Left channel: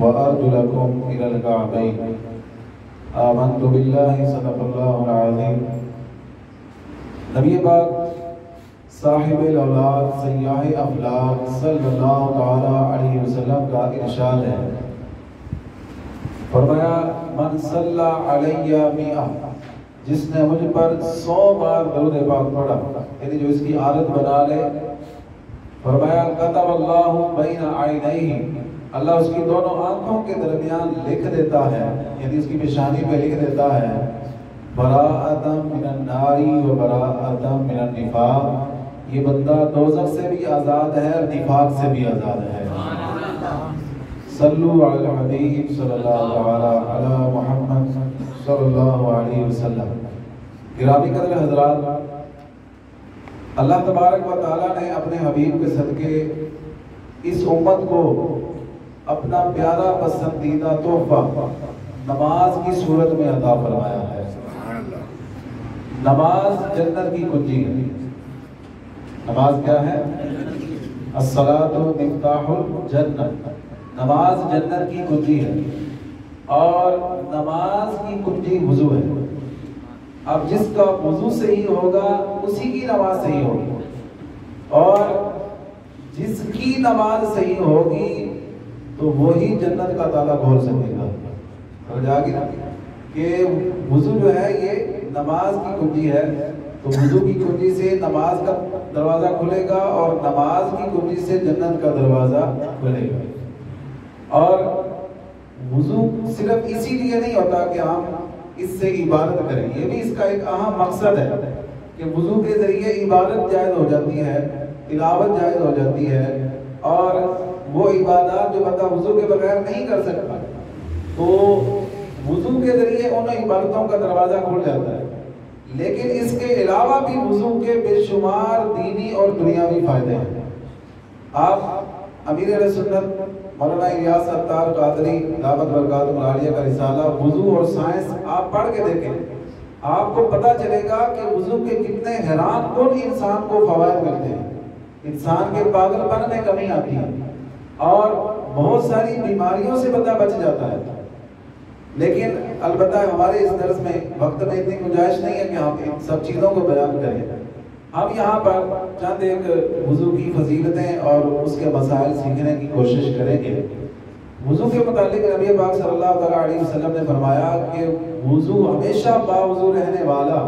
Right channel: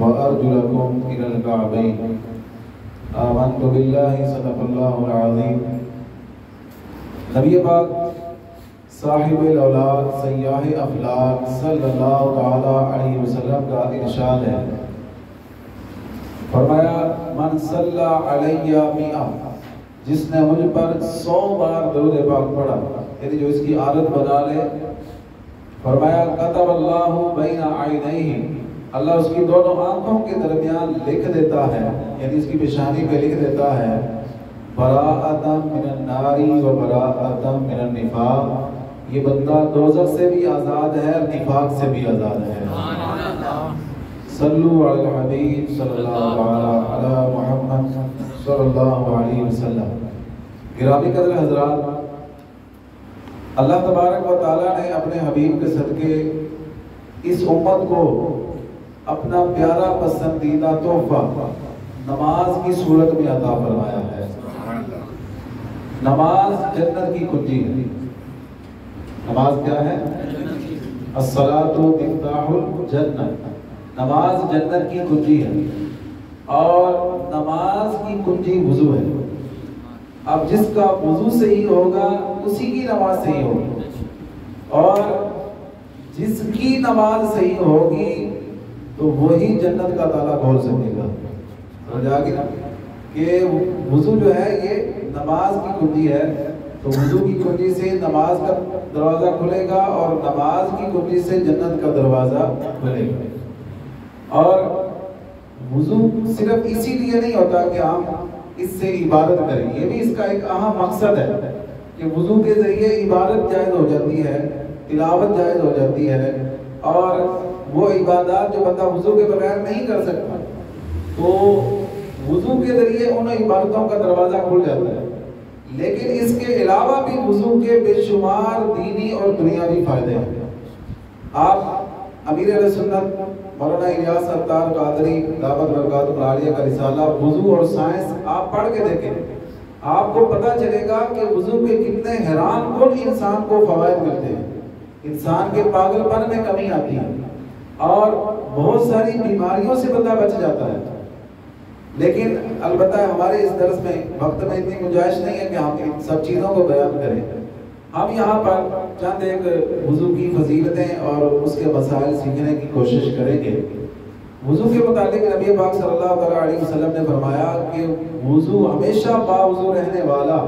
وأرجلكم إلى الكعبين آمنت بالله صدق الله العظيم۔ نبی پاک صاحب الاولاد سیاح افلاک صلی اللہ تعالی علیہ وسلم کا ارشاد ہے، فرمایا من صلی علیہ مئہ، جس نے مجھ پر 100 بار درود پاک پڑھا، یعنی جو اس کی عادت بنا لے، فرمایا کتب اللہ بین عینیہ، اللہ اس کی دونوں آنکھوں کے درمیان لکھ دیتا ہے، یعنی اس کی پیشانی پہ لکھ دیتا ہے براءۃ من النار و براءۃ من النفاق، یہ بندہ دوزخ سے بھی آزاد ہے اور نفاق سے بھی آزاد ہے۔ صلو علی الحبیب صلی اللہ تعالی علی محمد صلی اللہ علیہ وسلم۔ گرامی قدر حضرات، اللہ تبارک و تعالی نے اپنے حبیب کے صدقے اس امت کو اپنا پیارا پسندیدہ تحفہ نماز کی صورت میں عطا فرمایا ہے۔ نماز جنت کی کنجی ہے۔ نماز کیا ہے؟ الصلاۃ مفتاح الجنت، نماز جنت کی کنجی ہے، اور نماز کی کنجی وضو ہے۔ اب جس کا وضو صحیح ہوگا اسی کی نماز صحیح ہوگی، اور جس کی نماز صحیح ہوگی تو وہی جنت کا تالا کھول سکے گا۔ سمجھ آ گئی نا کہ وضو جو ہے یہ نماز کی کنجی ہے، تو وضو کی کنجی سے نماز کا دروازہ کھلے گا، اور نماز کی کنجی سے جنت کا دروازہ کھلے گا۔ اور وضو صرف اسی لیے نہیں ہوتا کہ ہم اس سے عبادت کریں، یہ بھی اس کا ایک اہم مقصد ہے کہ وضو کے ذریعے عبادت جائز ہو جاتی ہے، تلاوت جائز ہو جاتی ہے، اور وہ عبادات جو بندہ وضو کے بغیر نہیں کر سکتا، تو وضو کے ذریعے ان عبادتوں کا دروازہ کھل جاتا ہے۔ لیکن اس کے علاوہ بھی وضو کے بے شمار دینی اور دنیاوی فائدے ہیں۔ آپ امیر اہل سنت مولانا الیاس ستار قادری دعوت برکاتہ العالیہ کا رسالہ وضو اور سائنس آپ پڑھ کے دیکھیں، آپ کو پتہ چلے گا کہ وضو کے کتنے حیران کن انسان کو فوائد ملتے ہیں، انسان کے پاگل پن میں کمی آتی ہے، اور بہت ساری بیماریوں سے بندہ بچ جاتا ہے۔ لیکن البتہ ہمارے اس درس میں وقت میں اتنی گنجائش نہیں ہے کہ ہم ان سب چیزوں کو بیان کریں۔ ہم یہاں پر چند ایک وضو کی فضیلتیں اور اس کے مسائل سیکھنے کی کوشش کریں گے۔ وضو کے متعلق نبی پاک صلی اللہ علیہ وسلم نے فرمایا کہ وضو ہمیشہ باوضو رہنے والا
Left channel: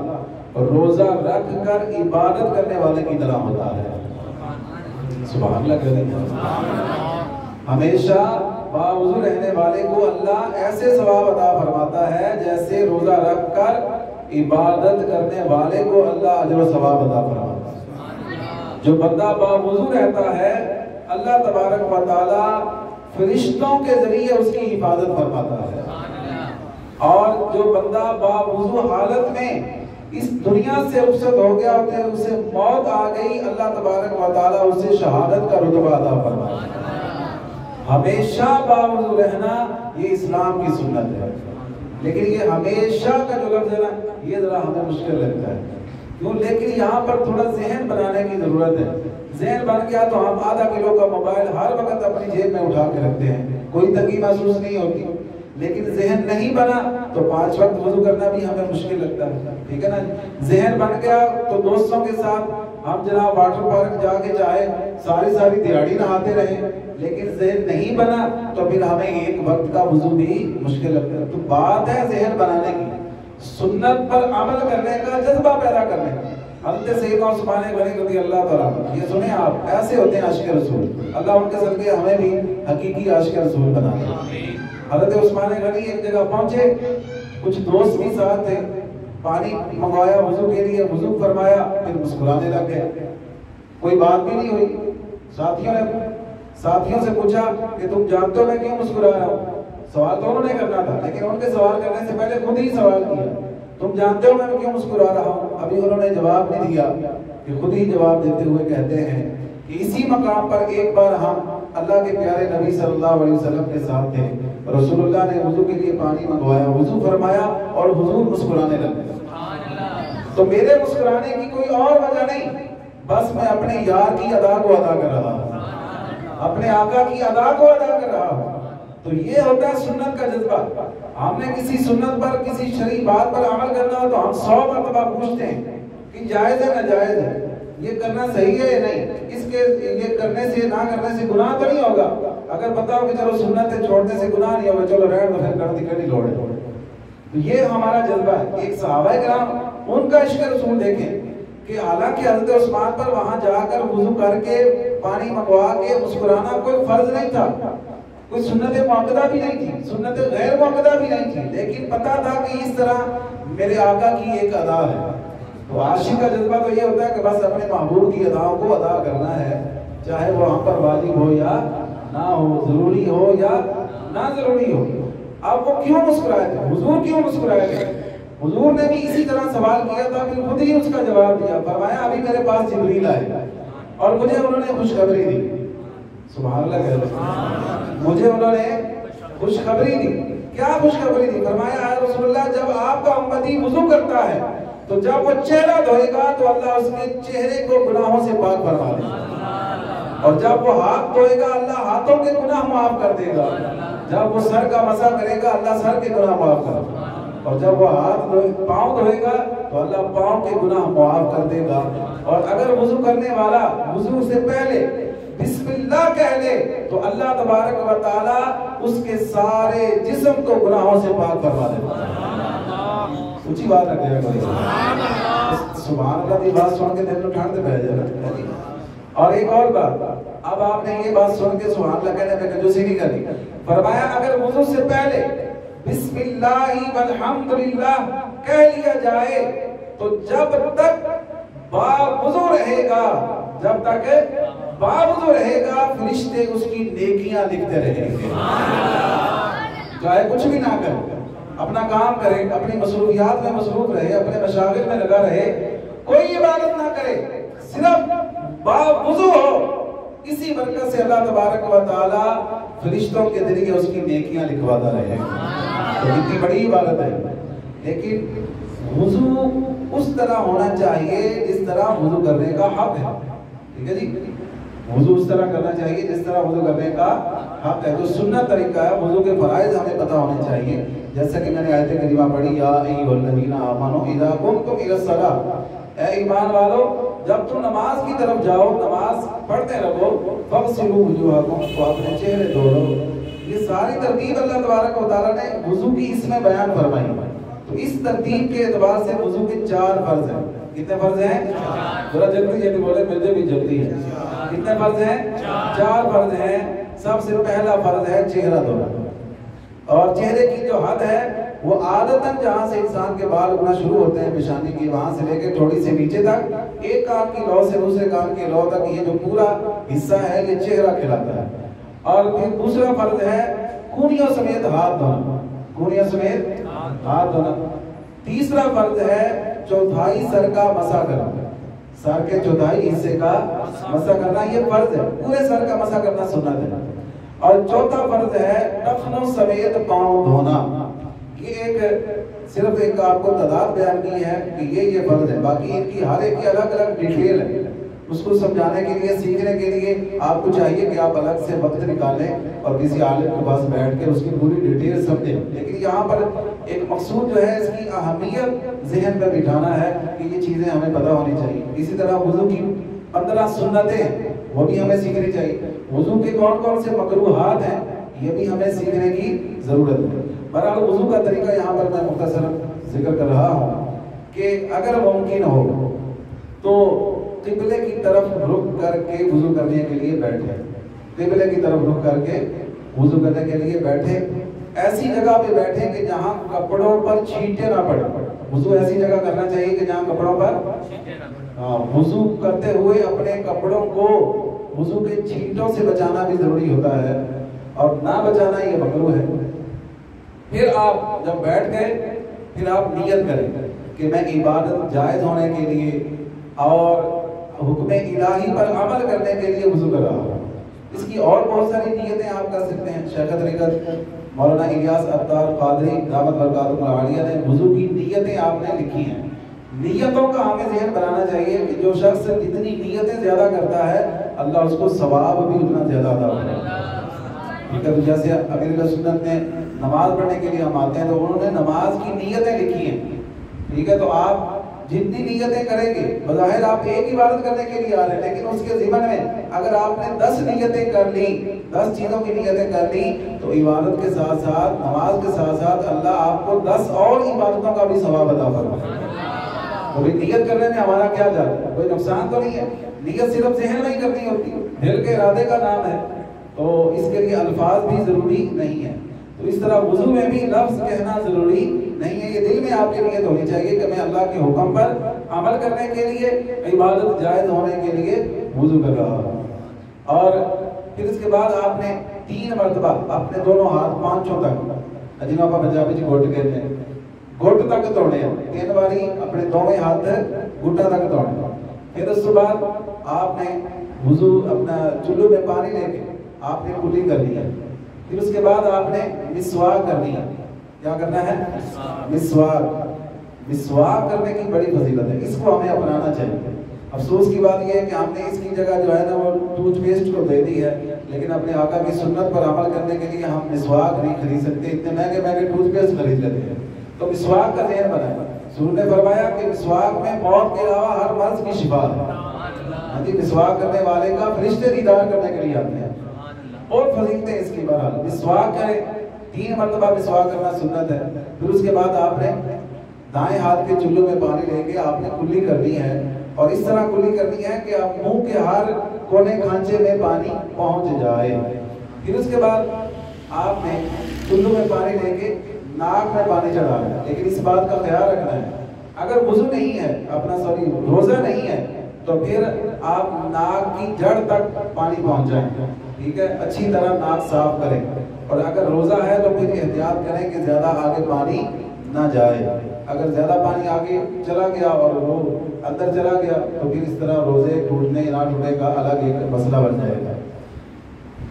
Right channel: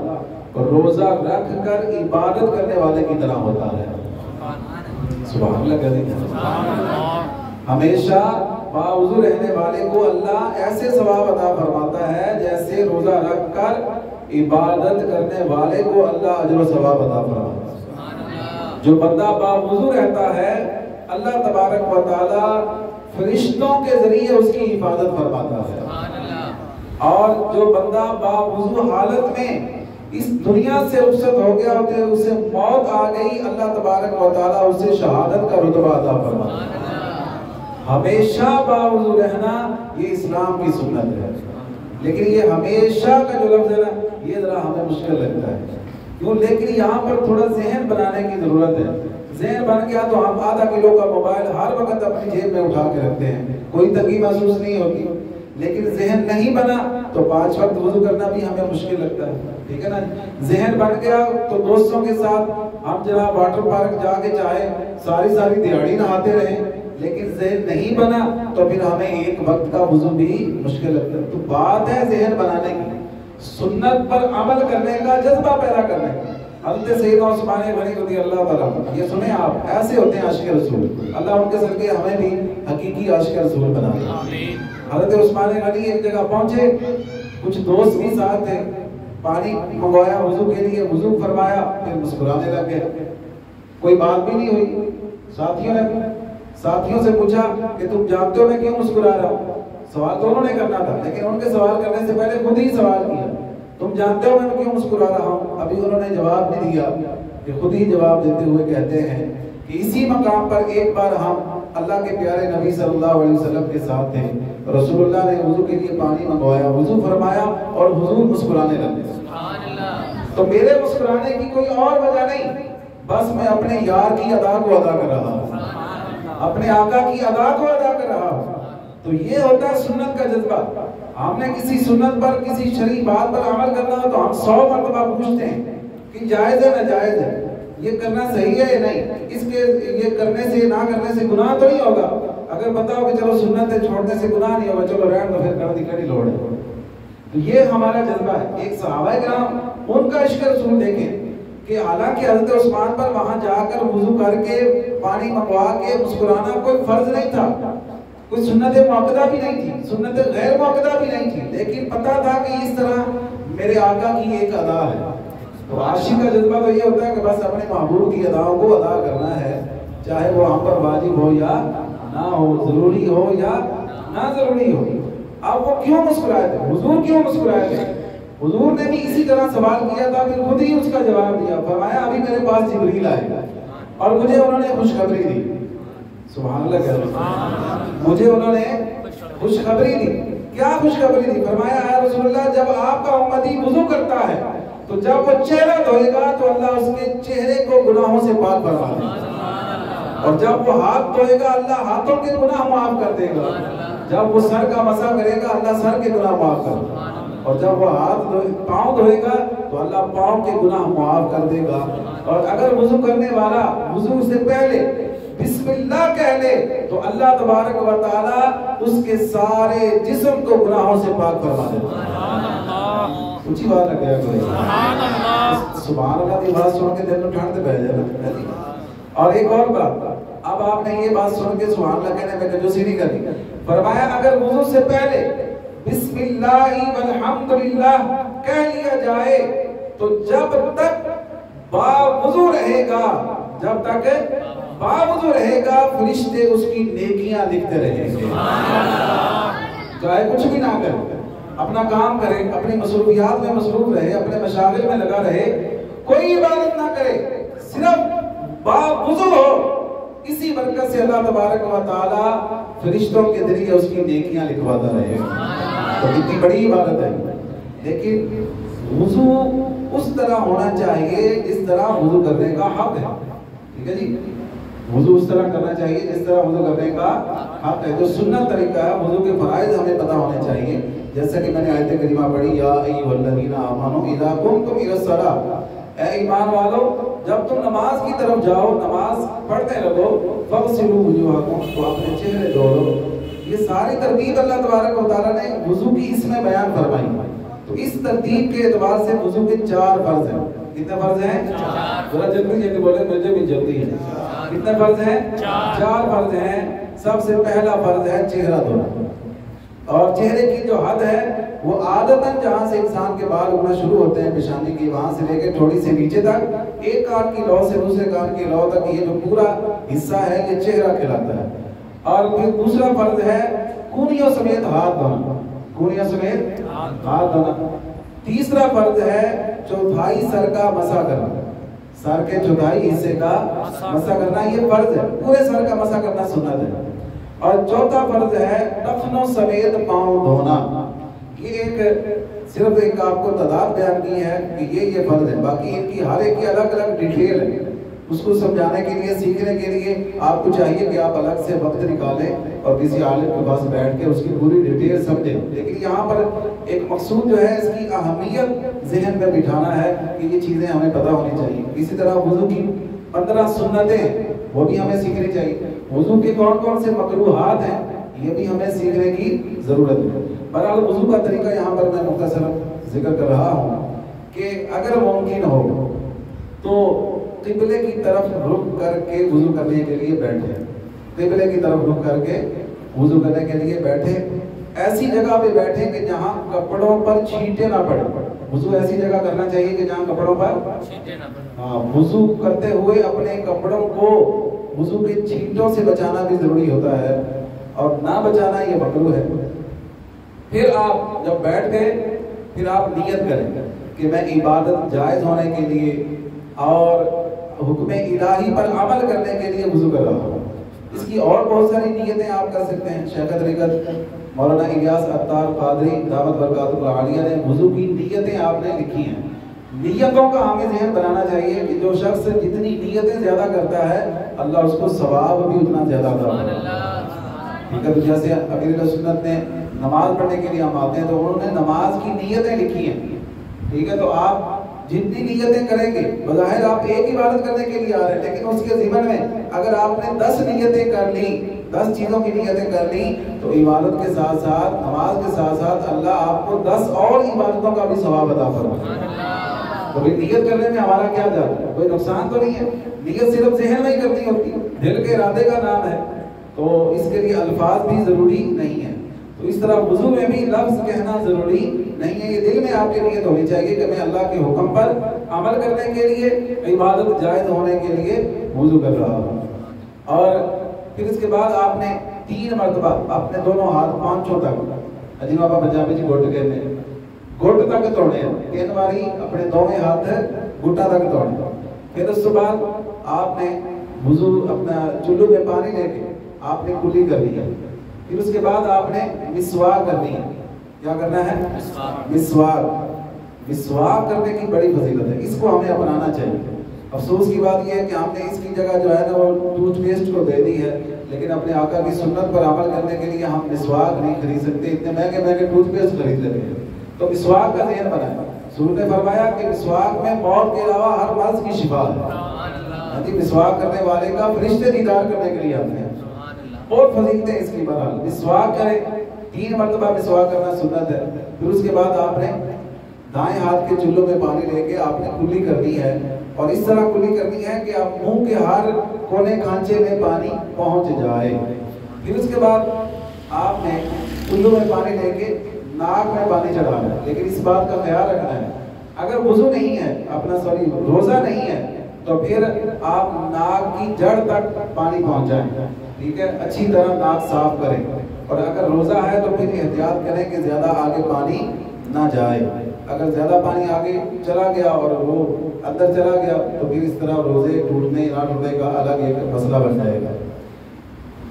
روزہ رکھ کر عبادت کرنے والے کی طرح ہوتا ہے۔ سبحان اللہ کہتے ہمیشہ باوضو رہنے والے کو اللہ ایسے ثواب عطا فرماتا ہے جیسے روزہ رکھ کر عبادت کرنے والے کو اللہ اجر و ثواب عطا فرماتا ہے۔ جو بندہ باوضو رہتا ہے اللہ تبارک و تعالی فرشتوں کے ذریعے اس کی حفاظت فرماتا ہے، اور جو بندہ باوضو حالت میں اس دنیا سے رخصت ہو گیا ہوتے ہیں، اسے موت آ گئی، اللہ تبارک و تعالیٰ اسے شہادت کا رتبہ عطا فرماتا ہے۔ ہمیشہ باوضو رہنا یہ اسلام کی سنت ہے، لیکن یہ ہمیشہ کا جو لفظ ہے نا یہ ذرا ہمیں مشکل لگتا ہے کیوں؟ لیکن یہاں پر تھوڑا ذہن بنانے کی ضرورت ہے۔ ذہن بن گیا تو ہم آدھا کلو کا موبائل ہر وقت اپنی جیب میں اٹھا کے رکھتے ہیں، کوئی تنگی محسوس نہیں ہوتی۔ لیکن ذہن نہیں بنا تو 5 وقت وضو کرنا بھی ہمیں مشکل لگتا ہے، ٹھیک ہے نا؟ ذہن بن گیا تو دوستوں کے ساتھ ہم جناب واٹر پارک جا کے چاہے ساری دیہڑی نہاتے رہیں، لیکن ذہن نہیں بنا تو پھر ہمیں ایک وقت کا وضو بھی مشکل لگتا ہے۔ تو بات ہے ذہن بنانے کی، سنت پر عمل کرنے کا جذبہ پیدا کرنے کا۔ حضرت سیدنا عثمان غنی رضی اللہ تعالیٰ، یہ سنیں آپ، ایسے ہوتے ہیں عاشق رسول، اللہ ان کے صدقے ہمیں بھی حقیقی عاشق رسول بنا دے۔ حضرت عثمان غنی ایک جگہ پہنچے، کچھ دوست بھی ساتھ تھے، پانی منگوایا وضو کے لیے، وضو فرمایا، پھر مسکرانے لگ گئے، کوئی بات بھی نہیں ہوئی۔ ساتھیوں سے پوچھا کہ تم جانتے ہو میں کیوں مسکرا رہا ہوں؟ سوال تو انہوں نے کرنا تھا، لیکن ان کے سوال کرنے سے پہلے خود ہی سوال کیا، تم جانتے ہو میں کیوں مسکرا رہا ہوں؟ ابھی انہوں نے جواب نہیں دیا کہ خود ہی جواب دیتے ہوئے کہتے ہیں کہ اسی مقام پر ایک بار ہم اللہ کے پیارے نبی صلی اللہ علیہ وسلم کے ساتھ تھے، رسول اللہ نے وضو کے لیے پانی منگوایا، وضو فرمایا اور حضور مسکرانے لگے۔ تو میرے مسکرانے کی کوئی اور وجہ نہیں، بس میں اپنے یار کی ادا کو ادا کر رہا ہوں، اپنے آقا کی ادا کو ادا کر رہا ہوں۔ تو یہ ہوتا ہے سنت کا جذبہ. ہم نے کسی سنت پر کسی شرعی بات پر عمل کرنا ہو تو ہم 100 مرتبہ پوچھتے ہیں کہ جائز ہے ناجائز ہے, یہ کرنا صحیح ہے یا نہیں, اس کے یہ کرنے سے نہ کرنے سے گناہ تو نہیں ہوگا. اگر بتاؤ کہ چلو سنت ہے چھوڑنے سے گناہ نہیں ہوگا, چلو رہنے دو پھر کر دی کری لوڑ ہے. تو یہ ہمارا جذبہ ہے. ایک صحابہ کرام ان کا عشق رسول دیکھیں کہ حالانکہ حضرت عثمان پر وہاں جا کر وضو کر کے پانی منگوا کے مسکرانا کوئی فرض نہیں تھا, کوئی سنت مؤکدہ بھی نہیں تھی, سنت غیر مؤکدہ بھی نہیں تھی, لیکن پتا تھا کہ اس طرح میرے آقا کی ایک ادا ہے. تو عاشق کا جذبہ تو یہ ہوتا ہے کہ بس اپنے محبوب کی اداؤں کو ادا کرنا ہے, چاہے وہ ہم پر واجب ہو یا نہ ہو, ضروری ہو یا نہ ضروری ہو. اب وہ کیوں مسکرائے تھے, حضور کیوں مسکرائے تھے؟ حضور نے بھی اسی طرح سوال کیا تھا, پھر خود ہی اس کا جواب دیا. فرمایا ابھی میرے پاس جبریل آئے اور مجھے انہوں نے خوشخبری دی. سبحان اللہ کہہ رہے, مجھے انہوں نے خوشخبری دی. کیا خوشخبری دی؟ فرمایا اے رسول اللہ, جب آپ کا امتی وضو کرتا ہے تو جب وہ چہرہ دھوئے گا تو اللہ اس کے چہرے کو گناہوں سے پاک فرما دے گا, اور جب وہ ہاتھ دھوئے گا اللہ ہاتھوں کے گناہ معاف کر دے گا, جب وہ سر کا مسح کرے گا اللہ سر کے گناہ معاف کر دے گا, اور جب وہ پاؤں دھوئے گا تو اللہ پاؤں کے گناہ معاف کر دے گا. اور اگر وضو کرنے والا وضو سے پہلے بسم اللہ کہہ لے تو اللہ تبارک و تعالی اس کے سارے جسم کو گناہوں سے پاک فرما دے گا. اونچی بات رکھ دیا کوئی, سبحان اللہ کی بات سن کے دل میں ٹھنڈ بیٹھ جانا. اور ایک اور بات, اب آپ نے یہ بات سن کے سبحان اللہ کہنے میں کنجوسی نہیں کرنی. فرمایا اگر وضو سے پہلے بسم اللہ والحمدللہ کہہ لیا جائے تو جب تک باوضو رہے گا, جب تک باوضو رہے گا فرشتے اس کی نیکیاں لکھتے رہیں گے. چاہے کچھ بھی نہ کرے, اپنا کام کرے, اپنی مصروفیات میں مصروف رہے, اپنے مشاغل میں لگا رہے, کوئی عبادت نہ کرے, صرف باوضو ہو, اسی برکت سے اللہ تبارک و تعالی فرشتوں کے ذریعے اس کی نیکیاں لکھواتا رہے گا. تو کتنی بڑی عبادت ہے. لیکن وضو اس طرح ہونا چاہیے جس طرح وضو کرنے کا حق ہے. ٹھیک ہے جی, وضو اس طرح کرنا چاہیے جس طرح وضو کرنے کا حق ہے. جو سنت طریقہ ہے, وضو کے فرائض ہمیں پتہ ہونے چاہیے. جیسا کہ میں نے آیت کریمہ پڑھی, یا ایھا الذین آمنوا اذا قمتم الی الصلاۃ, اے ایمان والو جب تم نماز کی طرف جاؤ, نماز پڑھتے رہو, فاغسلوا وجوہکم, تو اپنے چہرے دھو لو. یہ ساری ترتیب اللہ تبارک و تعالیٰ نے وضو کی اس میں بیان فرمائی. تو اس ترتیب کے اعتبار سے وضو کے 4 فرض ہیں. کتنے فرض ہیں؟ ذرا جلدی جلدی بولے, مجھے بھی جلدی ہے. کتنے فرض ہیں؟ 4 فرض ہیں. سب سے پہلا فرض ہے چہرہ دھونا. اور چہرے کی جو حد ہے وہ عادتاً جہاں سے انسان کے بال اگنا شروع ہوتے ہیں پیشانی کی, وہاں سے لے کے تھوڑی سے نیچے تک, ایک کان کی لو سے دوسرے کان کی لو تک, یہ جو پورا حصہ ہے یہ چہرہ کہلاتا ہے. اور پھر دوسرا فرض ہے کونیوں سمیت ہاتھ دھونا, کونیوں سمیت ہاتھ دھونا. تیسرا فرض ہے چوتھائی سر کا مسح کرنا, سر کے چوتھائی حصے کا مسح کرنا, یہ فرض ہے. پورے سر کا مسح کرنا سنت ہے. اور چوتھا فرض ہے ٹخنوں سمیت پاؤں دھونا. یہ ایک صرف ایک آپ کو تعداد بیان کی ہے کہ یہ فرض ہے. باقی ان کی ہر ایک کی الگ الگ ڈیٹیل ہے. اس کو سمجھانے کے لیے, سیکھنے کے لیے آپ کو چاہیے کہ آپ الگ سے وقت نکالیں اور کسی عالم کے پاس بیٹھ کے اس کی پوری ڈیٹیل سمجھیں. لیکن یہاں پر ایک مقصود جو ہے اس کی اہمیت ذہن میں بٹھانا ہے کہ یہ چیزیں ہمیں پتہ ہونی چاہیے. اسی طرح وضو کی 15 سنتیں وہ بھی ہمیں سیکھنی چاہیے. وضو کے کون کون سے مکروہات ہیں یہ بھی ہمیں سیکھنے کی ضرورت ہے. بہرحال وضو کا طریقہ یہاں پر میں مختصر ذکر کر رہا ہوں کہ اگر ممکن ہو تو قبلے کی طرف رخ کر کے وضو کرنے کے لیے بیٹھے. قبلے کی طرف رخ کر کے وضو کرنے کے لیے بیٹھے. ایسی جگہ پہ بیٹھیں کہ جہاں کپڑوں پر چھینٹے نہ پڑے. وضو ایسی جگہ کرنا چاہیے کہ جہاں کپڑوں پر چھینٹے نہ پڑے. وضو کرتے ہوئے اپنے کپڑوں کو وضو کے چھینٹوں سے بچانا بھی ضروری ہوتا ہے, اور نہ بچانا یہ مکروہ ہے. پھر آپ جب بیٹھ گئے پھر آپ نیت کریں کہ میں عبادت جائز ہونے کے لیے اور حکم الہی پر عمل کرنے کے لیے وضو کر رہا ہوں. اس کی اور بہت ساری نیتیں آپ کر سکتے ہیں. شیخ طریقت مولانا الیاس عطار قادری دامت برکاتہ العالیہ نے وضو کی نیتیں آپ نے لکھی ہیں. نیتوں کا ہمیں ذہن بنانا چاہیے کہ جو شخص جتنی نیتیں زیادہ کرتا ہے اللہ اس کو ثواب بھی اتنا زیادہ عطا کرتا ہے. ٹھیک ہے، تو جیسے امیر سنت نے نماز پڑھنے کے لیے ہم آتے ہیں تو انہوں نے نماز کی نیتیں لکھی ہیں، ٹھیک ہے، تو آپ جتنی نیتیں کریں گے، بظاہر آپ ایک عبادت کرنے کے لیے آ رہے ہیں، لیکن اس کے ضمن میں اگر آپ نے 10 نیتیں کر لی، 10 چیزوں کی نیتیں کر لی، تو عبادت کے ساتھ ساتھ، نماز کے ساتھ ساتھ اللہ آپ کو 10 اور عبادتوں کا بھی ثواب عطا فرمائے گا۔ تو نیت کرنے میں ہمارا کیا جاتا ہے؟ کوئی نقصان تو نہیں ہے، نیت صرف ذہن میں ہی کرنی ہوتی ہے، دل کے ارادے کا نام ہے، تو اس کے لیے الفاظ بھی ضروری نہیں ہے۔ تو اس طرح وضو میں بھی لفظ کہنا ضروری نہیں ہے، یہ دل میں آپ کی نیت ہونی چاہیے کہ میں اللہ کے حکم پر عمل کرنے کے لیے، عبادت جائز ہونے کے لیے وضو کر رہا ہوں۔ اور پھر اس کے بعد آپ نے 3 مرتبہ اپنے دونوں ہاتھ پانچوں تک، جنہوں آپ پنجابی چ گھٹ کہتے ہیں، گھٹ تک توڑے، 3 باری اپنے دونوں ہاتھ گھٹا تک توڑے۔ پھر اس کے بعد آپ نے وضو اپنا چلو میں پانی لے کے آپ نے کلی کر لیا۔ پھر اس کے بعد آپ نے مسواک کرنی ہے۔ کیا کرنا ہے؟ مسواک کرنے کی بڑی فضیلت ہے، اس کو ہمیں اپنانا چاہیے۔ افسوس کی بات یہ ہے کہ ہم نے اس کی جگہ جو ہے نا وہ ٹوتھ پیسٹ کو دے دی ہے، لیکن اپنے آقا کی سنت پر عمل کرنے کے لیے ہم مسواک نہیں خرید سکتے، اتنے مہنگے مہنگے ٹوتھ پیسٹ خرید لیتے ہیں۔ تو مسواک کا ذہن بنائیں۔ حضور نے فرمایا کہ مسواک میں موت کے علاوہ ہر مرض کی شفا ہے۔ مسواک کرنے والے کا فرشتے دیدار کرنے کے لیے آتے ہیں، اور فضیلتیں اس کی بہرحال۔ مسواک کریں، 3 مرتبہ مسواک کرنا سنت ہے۔ پھر اس کے بعد آپ نے دائیں ہاتھ کے چلو میں پانی لے کے آپ نے کلی کرنی ہے، اور اس طرح کلی کرنی ہے کہ آپ منہ کے ہر کونے کھانچے میں پانی پہنچ جائے۔ پھر اس کے بعد آپ نے چلو میں پانی لے کے ناک میں پانی چڑھانا ہے، لیکن اس بات کا خیال رکھنا ہے اگر وضو نہیں ہے، روزہ نہیں ہے، تو پھر آپ ناک کی جڑ تک پانی پہنچائیں، ٹھیک ہے، اچھی طرح ناک صاف کریں۔ اور اگر روزہ ہے تو پھر احتیاط کریں کہ زیادہ آگے پانی نہ جائے، اگر زیادہ پانی آگے چلا گیا اور وہ اندر چلا گیا تو پھر اس طرح روزے ٹوٹنے نہ ٹوٹنے کا الگ ایک مسئلہ بن جائے گا۔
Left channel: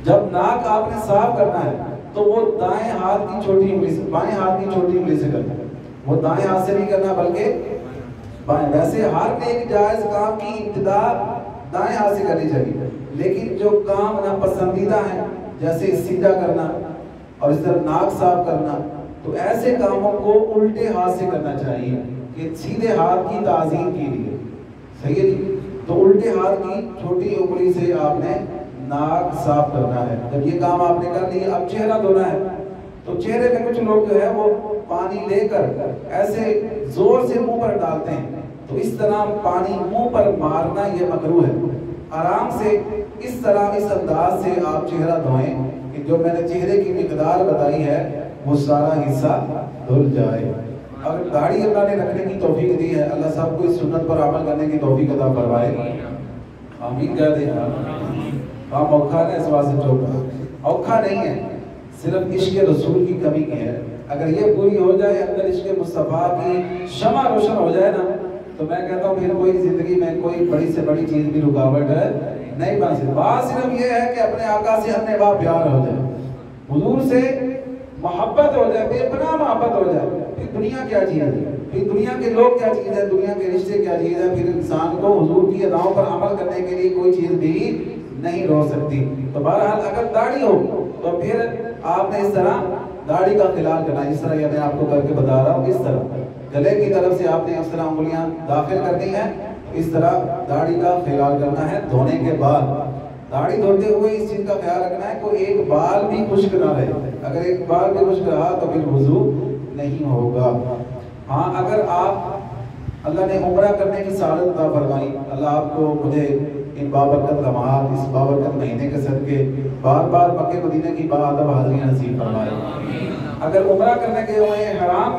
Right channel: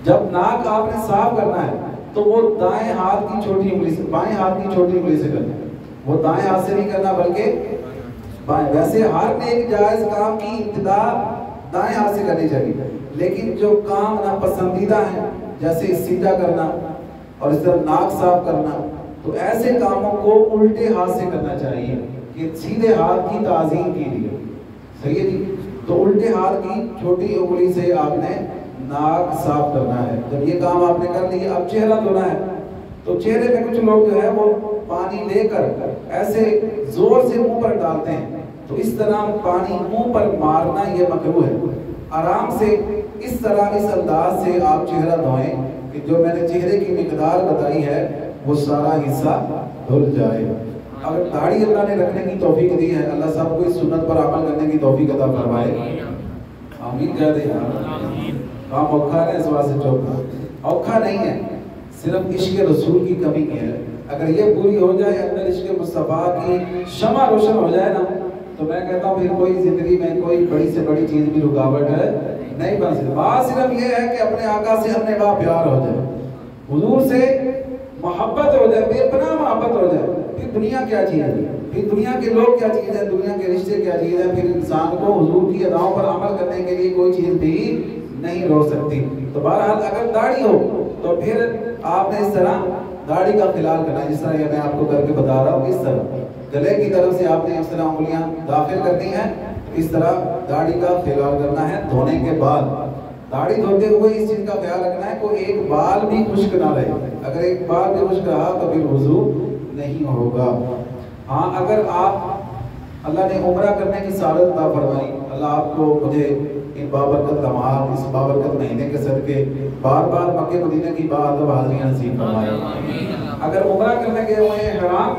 جب ناک آپ نے صاف کرنا ہے تو وہ دائیں ہاتھ کی چھوٹی انگلی سے، بائیں ہاتھ کی چھوٹی انگلی سے کرنا ہے، وہ دائیں ہاتھ سے نہیں کرنا بلکہ بائیں۔ ویسے ہر نیک جائز کام کی ابتدا دائیں ہاتھ سے کرنی چاہیے، لیکن جو کام ناپسندیدہ ہیں جیسے سیدھا کرنا اور اس طرح ناک صاف کرنا، تو ایسے کاموں کو الٹے ہاتھ سے کرنا چاہیے کہ سیدھے ہاتھ کی تعظیم کی لیے، صحیح ہے جی۔ تو الٹے ہاتھ کی چھوٹی انگلی سے آپ نے ناک صاف کرنا ہے۔ جب یہ کام آپ نے کر لیا، اب چہرہ دھونا ہے، تو چہرے پہ کچھ لوگ جو ہے وہ پانی لے کر ایسے زور سے منہ پر ڈالتے ہیں، تو اس طرح پانی منہ پر مارنا یہ مکروہ ہے۔ آرام سے اس طرح اس انداز سے آپ چہرہ دھوئیں کہ جو میں نے چہرے کی مقدار بتائی ہے وہ سارا حصہ دھل جائے۔ اگر داڑھی اللہ نے رکھنے کی توفیق دی ہے، اللہ صاحب کو اس سنت پر عمل کرنے کی توفیق عطا فرمائے، آمین کہہ دیں۔ کام اوکھا ہے، اس واسطے چوک اوکھا نہیں ہے، صرف عشق رسول کی کمی کی ہے۔ اگر یہ پوری ہو جائے، اندر عشق مصطفیٰ کی شمع روشن ہو جائے نا، تو میں کہتا ہوں پھر کوئی زندگی میں کوئی بڑی سے بڑی چیز بھی رکاوٹ نہیں بن سکتی۔ بات صرف یہ ہے کہ اپنے آقا سے اپنے باپ پیار ہو جائے، حضور سے محبت ہو جائے، بے پناہ محبت ہو جائے، پھر دنیا کیا چیز ہے، پھر دنیا کے لوگ کیا چیز ہے، دنیا کے رشتے کیا چیز ہے، پھر انسان کو حضور کی اداؤں پر عمل کرنے کے لیے کوئی چیز بھی نہیں روک سکتی۔ تو بہرحال اگر داڑھی ہو تو پھر آپ نے اس طرح داڑھی کا خلال کرنا ہے، جس طرح یہ میں آپ کو کر کے بتا رہا ہوں، اس طرح گلے کی طرف سے آپ نے اس طرح انگلیاں داخل کرنی ہے، اس طرح داڑھی کا خلال کرنا ہے۔ دھونے کے بعد داڑھی دھوتے ہوئے اس چیز کا خیال رکھنا ہے کوئی ایک بال بھی خشک نہ رہے، اگر ایک بال بھی خشک رہا تو پھر وضو نہیں ہوگا۔ ہاں اگر آپ اللہ نے عمرہ کرنے کی سعادت عطا فرمائی، اللہ آپ کو مجھے ان بابرکت لمحات، اس بابرکت مہینے کے صدقے بار بار مکہ مدینہ کی باادب حاضریاں نصیب فرمائے۔ اگر عمرہ کرنے کے ہوئے احرام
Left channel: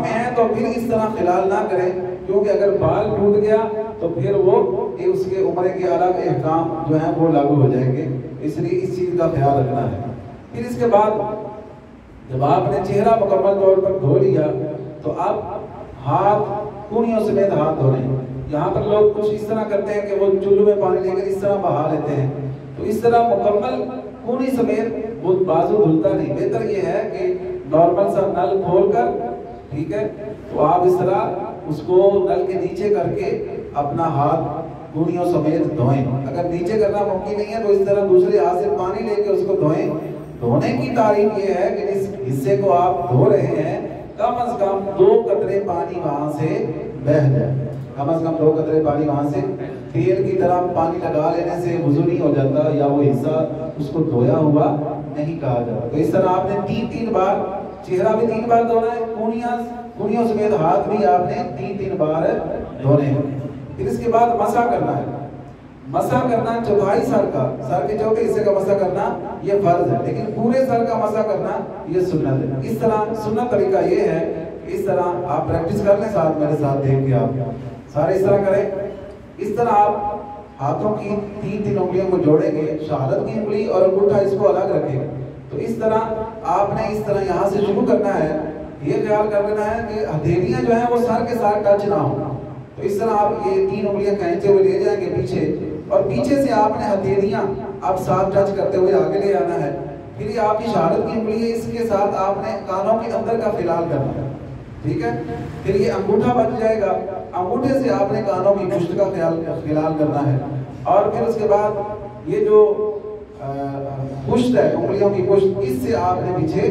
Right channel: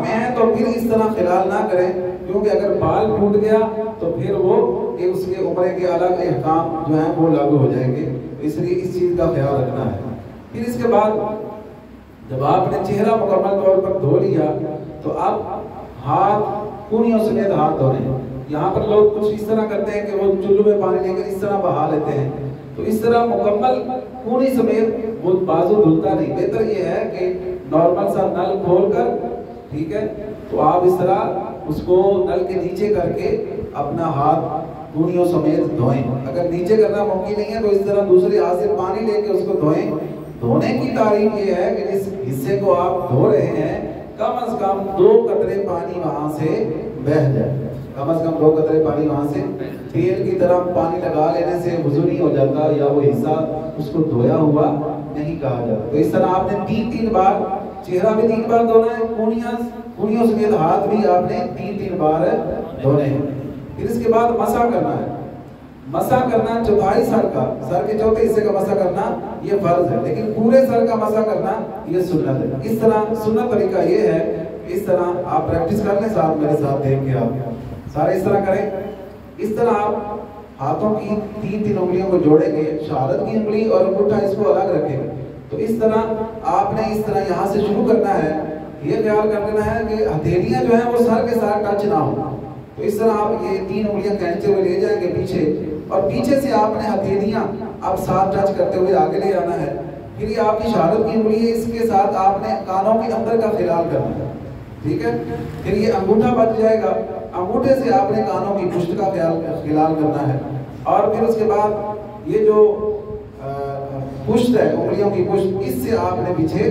میں ہیں تو پھر اس طرح خلال نہ کریں، کیونکہ اگر بال ٹوٹ گیا تو پھر وہ اس کے عمرے کے الگ احکام جو ہیں وہ لاگو ہو جائیں گے، اس لیے اس چیز کا خیال رکھنا ہے۔ پھر اس کے بعد جب آپ نے چہرہ مکمل طور پر دھو لیا تو اب ہاتھ کونیوں سمیت ہاتھ دھونے۔ یہاں پر لوگ کچھ اس طرح کرتے ہیں کہ وہ چلو میں پانی لے کر اس طرح بہا لیتے ہیں، تو اس طرح مکمل کونی سمیت وہ بازو دھلتا نہیں۔ بہتر یہ ہے کہ نارمل سا نل کھول کر، ٹھیک ہے، تو آپ اس طرح اس کو نل کے نیچے کر کے اپنا ہاتھ کونیوں سمیت دھوئیں. اگر نیچے کرنا ممکن نہیں ہے تو اس طرح دوسرے ہاتھ سے پانی لے کے اس کو دھوئیں. دھونے کی تعریف یہ ہے کہ جس حصے کو آپ دھو رہے ہیں کم از کم 2 قطرے پانی وہاں سے بہہ جائے. کم از کم 2 قطرے پانی وہاں سے. تیل کی طرح پانی لگا لینے سے وضو نہیں ہو جاتا یا وہ حصہ اس کو دھویا ہوا نہیں کہا جاتا. تو اس طرح آپ نے 3 بار, چہرہ بھی 3 بار دھونا ہے, کونیوں سمیت ہاتھ بھی آپ نے 3 بار دھونے ہیں. پھر اس کے بعد مسح کرنا ہے. مسح کرنا چوتھائی سر کے چوتھے حصے کا مسح کرنا یہ فرض ہے, لیکن پورے سر کا مسح کرنا یہ سنت ہے. اس طرح سنت طریقہ یہ ہے, اس طرح آپ پریکٹس کر لیں ساتھ میرے ساتھ دیکھ کے آپ سارے اس طرح کریں. اس طرح آپ ہاتھوں کی 3 انگلیوں کو جوڑیں گے, شہادت کی انگلی اور انگوٹھا اس کو الگ رکھیں گے. تو اس طرح آپ نے اس طرح یہاں سے شروع کرنا ہے. یہ خیال کر لینا ہے کہ ہتھیلیاں جو ہیں وہ سر کے ساتھ ٹچ نہ ہو. تو اس طرح آپ یہ 3 انگلیاں کھینچتے ہوئے لے جائیں گے پیچھے, اور پیچھے سے آپ نے ہتھیلیاں آپ ساتھ ٹچ کرتے ہوئے آگے لے آنا ہے. پھر یہ آپ کی شہادت کی انگلی ہے, اس کے ساتھ آپ نے کانوں کے اندر کا خلال کرنا ہے. ٹھیک ہے. پھر یہ انگوٹھا بچ جائے گا, انگوٹھے سے آپ نے کانوں کی پشت کا خلال کرنا ہے. اور پھر اس کے بعد یہ جو پشت ہے, انگلیوں کی پشت, اس سے آپ نے پیچھے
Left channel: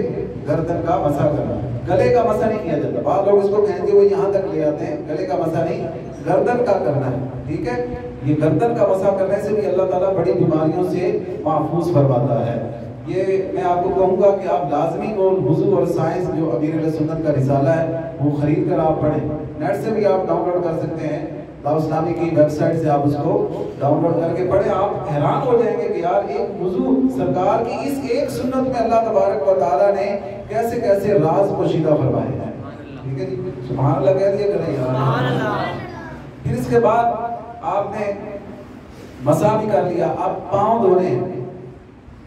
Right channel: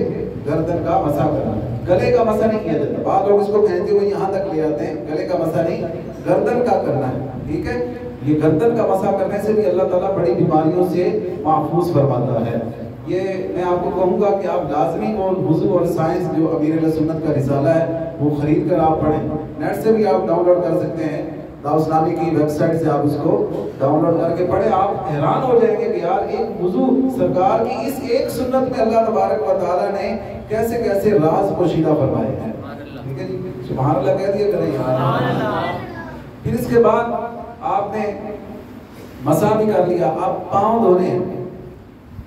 گردن کا مسح کرنا ہے. گلے کا مسح نہیں کیا جاتا. بعض لوگ اس کو کھینچتے ہوئے یہاں تک لے آتے ہیں. گلے کا مسح نہیں, گردن کا کرنا ہے. ٹھیک ہے. یہ گردن کا مسح کرنے سے بھی اللہ تعالیٰ بڑی بیماریوں سے محفوظ فرماتا ہے. یہ میں آپ کو کہوں گا کہ آپ لازمی وہ وضو اور سائنس جو امیر اہل سنت کا رسالہ ہے وہ خرید کر آپ پڑھیں. نیٹ سے بھی آپ ڈاؤن لوڈ کر سکتے ہیں, دعوت اسلامی کی ویب سائٹ سے آپ اس کو ڈاؤن لوڈ کر کے پڑھیں. آپ حیران ہو جائیں گے کہ یار ایک وضو سرکار کی اس ایک سنت میں اللہ تبارک و تعالیٰ نے کیسے کیسے راز پوشیدہ فرمائے ہیں. ٹھیک ہے جی, سبحان اللہ کہہ دیا کریں یار. پھر اس کے بعد آپ نے مسح بھی کر لیا. آپ پاؤں دھونے ہیں.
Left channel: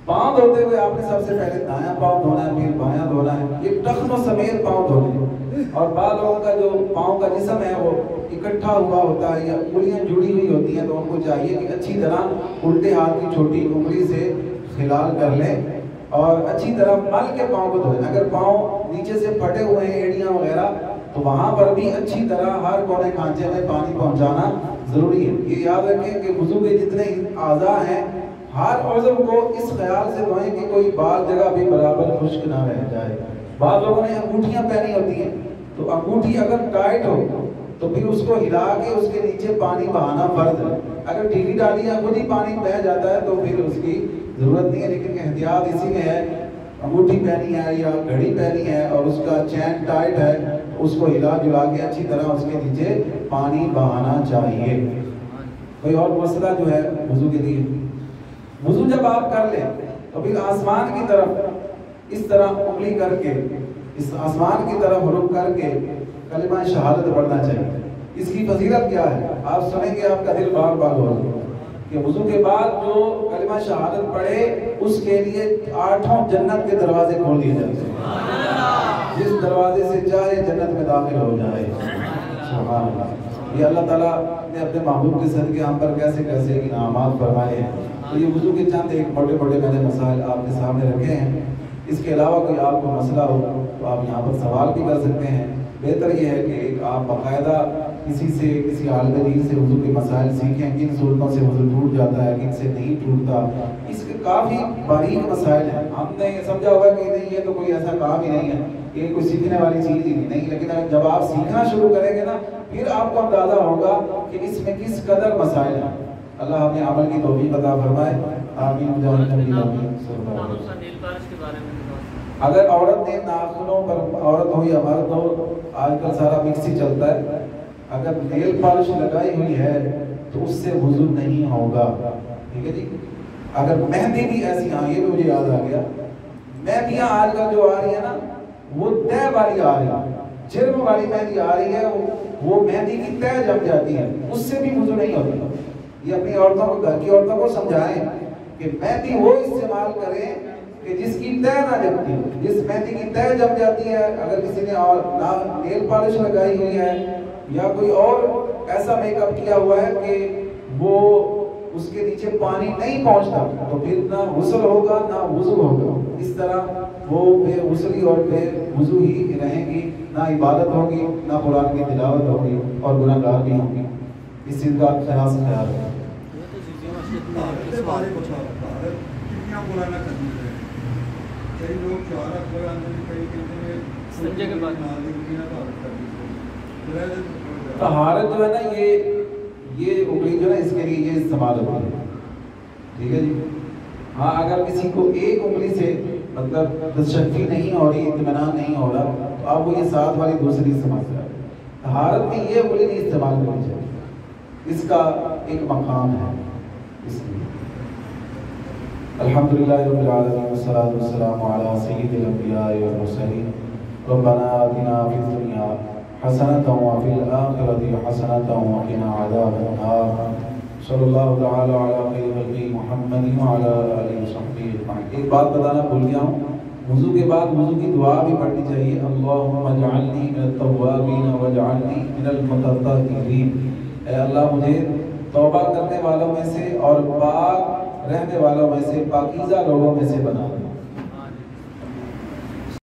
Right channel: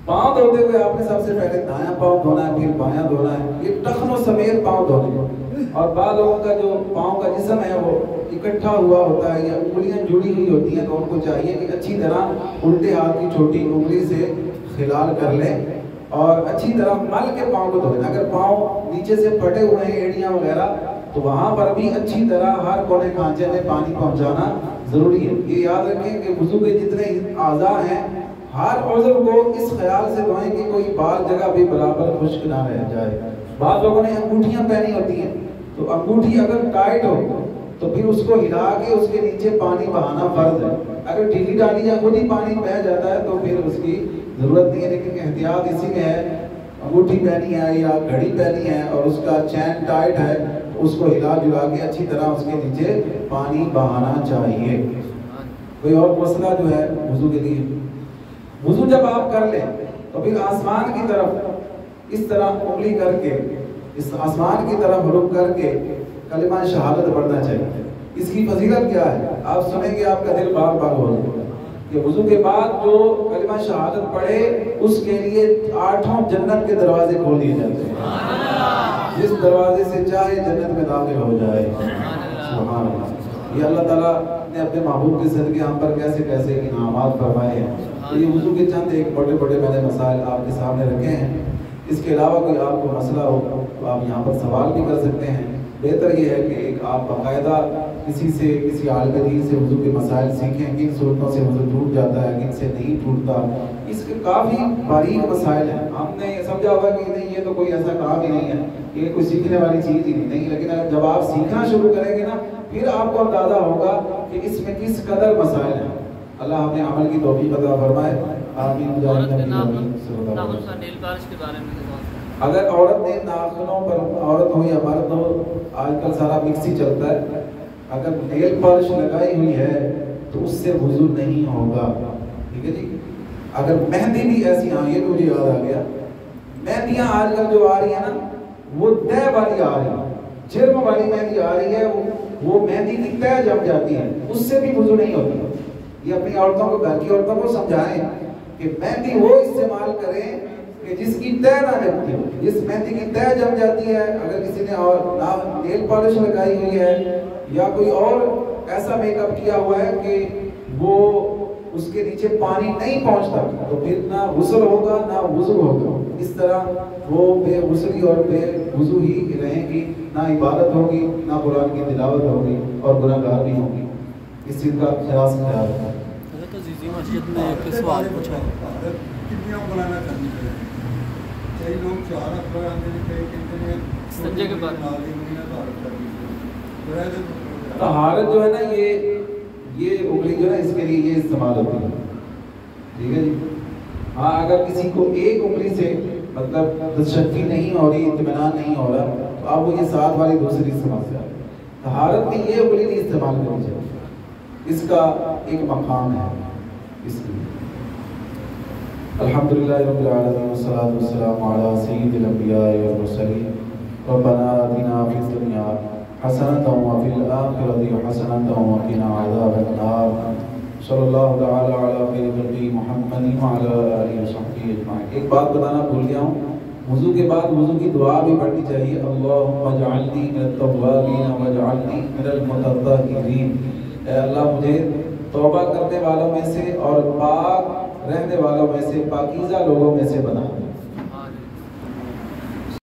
پاؤں دھوتے ہوئے آپ نے سب سے پہلے دایاں پاؤں دھونا ہے, پھر بایاں دھونا ہے. یہ ٹخنوں سمیت پاؤں دھونے ہیں. اور بعض لوگوں کا جو پاؤں کا جسم ہے وہ اکٹھا ہوا ہوتا ہے یا انگلیاں جڑی ہوئی ہوتی ہیں, تو ان کو چاہیے کہ اچھی طرح الٹے ہاتھ کی چھوٹی انگلی سے خلال کر لیں اور اچھی طرح مل کے پاؤں کو دھوئیں. اگر پاؤں نیچے سے پھٹے ہوئے ہیں, ایڑیاں وغیرہ, تو وہاں پر بھی اچھی طرح ہر کونے کھانچے میں پانی پہنچانا ضروری ہے. یہ یاد رکھیں کہ وضو کے جتنے اعضاء ہیں ہر عضو کو اس خیال سے دھوئیں کہ کوئی بال جگہ بھی برابر خشک نہ رہ جائے. بعض لوگوں نے انگوٹھیاں پہنی ہوتی ہیں, تو انگوٹھی اگر ٹائٹ ہو تو پھر اس کو ہلا کے اس کے نیچے پانی بہانا فرض ہے. اگر ڈھیلی ڈالی یا خود ہی پانی بہہ جاتا ہے تو پھر اس کی ضرورت نہیں ہے. لیکن احتیاط اسی میں ہے, انگوٹھی پہنی ہے یا گھڑی پہنی ہے اور اس کا چین ٹائٹ ہے, تو اس کو ہلا جلا کے اچھی طرح اس کے نیچے پانی بہانا چاہیے. کوئی اور مسئلہ جو ہے وضو کے لیے, وضو جب آپ کر لیں تو پھر آسمان کی طرف اس طرح انگلی کر کے, اس آسمان کی طرف رخ کر کے کلمہ شہادت پڑھنا چاہیے. اس کی فضیلت کیا ہے آپ سنیں گے, آپ کا دل باغ باغ ہو جائے گا کہ وضو کے بعد جو کلمہ شہادت پڑھے اس کے لیے 8 جنت کے دروازے کھول دیے جاتے ہیں. جس دروازے سے چاہے جنت میں داخل ہو جائے. سبحان اللہ. یہ اللہ تعالیٰ نے اپنے محبوب کے صدقے ہم پر کیسے کیسے انعامات فرمائے ہیں. تو یہ وضو کے چند ایک بڑے بڑے میں نے مسائل آپ کے سامنے رکھے ہیں. اس کے علاوہ کوئی آپ کو مسئلہ ہو تو آپ یہاں پر سوال بھی کر سکتے ہیں. بہتر یہ ہے کہ ایک آپ باقاعدہ کسی عالم دین سے وضو کے مسائل سیکھیں, کن صورتوں سے وضو ٹوٹ جاتا ہے, کن سے نہیں ٹوٹتا. اس کے کافی باریک مسائل ہیں. ہم نے سمجھا ہوگا کہ نہیں یہ تو کوئی ایسا کام ہی نہیں ہے, یہ کوئی سیکھنے والی چیز ہی نہیں. لیکن جب آپ سیکھنا شروع کریں گے نا پھر آپ کو اندازہ ہوگا کہ اس میں کس قدر مسائل ہیں. اللہ ہمیں عمل کی توفیق عطا فرمائے. آمین. اگر عورت نے ناخنوں پر, عورت ہو یا مرد ہو, آج کل سارا مکس ہی چلتا ہے, اگر نیل پالش لگائی ہوئی ہے تو اس سے وضو نہیں ہوگا. ٹھیک ہے جی. اگر مہندی بھی ایسی, ہاں یہ مجھے یاد آ گیا, مہندیاں آج کل جو آ رہی ہیں نا وہ تہ والی آ رہی ہے, جرم والی مہندی آ رہی ہے, وہ مہندی کی تہ جم جاتی ہے, اس سے بھی وضو نہیں ہوتی. یہ اپنی عورتوں کو, گھر کی عورتوں کو سمجھائیں کہ مہندی وہ استعمال کریں کہ جس کی تہ نہ جمتی ہو. جس مہندی کی تہ جم جاتی ہے, اگر کسی نے اور نیل پالش لگائی ہوئی ہے یا کوئی اور ایسا میک اپ کیا ہوا ہے کہ وہ اس کے نیچے پانی نہیں پہنچتا, تو پھر نہ غسل ہوگا نہ وضو ہوگا. اس طرح وہ بے غسلی اور بے وضو ہی رہیں گی, نہ عبادت ہوگی نہ قرآن کی تلاوت ہوگی اور گناہگار بھی ہوگی. اس چیز کا خاص خیال رکھیں۔ طہارت جو ہے نا یہ انگلی جو ہے اس کے لیے یہ استعمال ہوتی ہے، ٹھیک ہے جی۔ ہاں اگر کسی کو ایک انگلی سے مطلب تشفی نہیں ہو رہی، اطمینان نہیں ہو رہا، تو اب وہ یہ ساتھ والی دوسری استعمال سے آئے۔ طہارت میں یہ انگلی نہیں استعمال کرنی چاہیے، اس کا ایک مقام ہے اس لیے۔ الحمدللہ رب العالمین والصلاة والسلام علی سید الانبیاء والمرسلین ربنا آتنا فی الدنیا حسنۃ وفی الآخرۃ حسنۃ وقنا عذاب النار صلی اللہ تعالی علی خیر خلقہ محمد وعلی آلہ وصحبہ اجمعین۔ ایک بات بتانا بھول گیا ہوں، وضو کے بعد وضو کی دعا بھی پڑھنی چاہیے، اللہم اجعلنی من التوابین واجعلنی من المتطہرین۔ اے اللہ مجھے توبہ کرنے والوں میں سے اور پاک رہنے والوں میں سے، پاکیزہ لوگوں میں سے بنا دے۔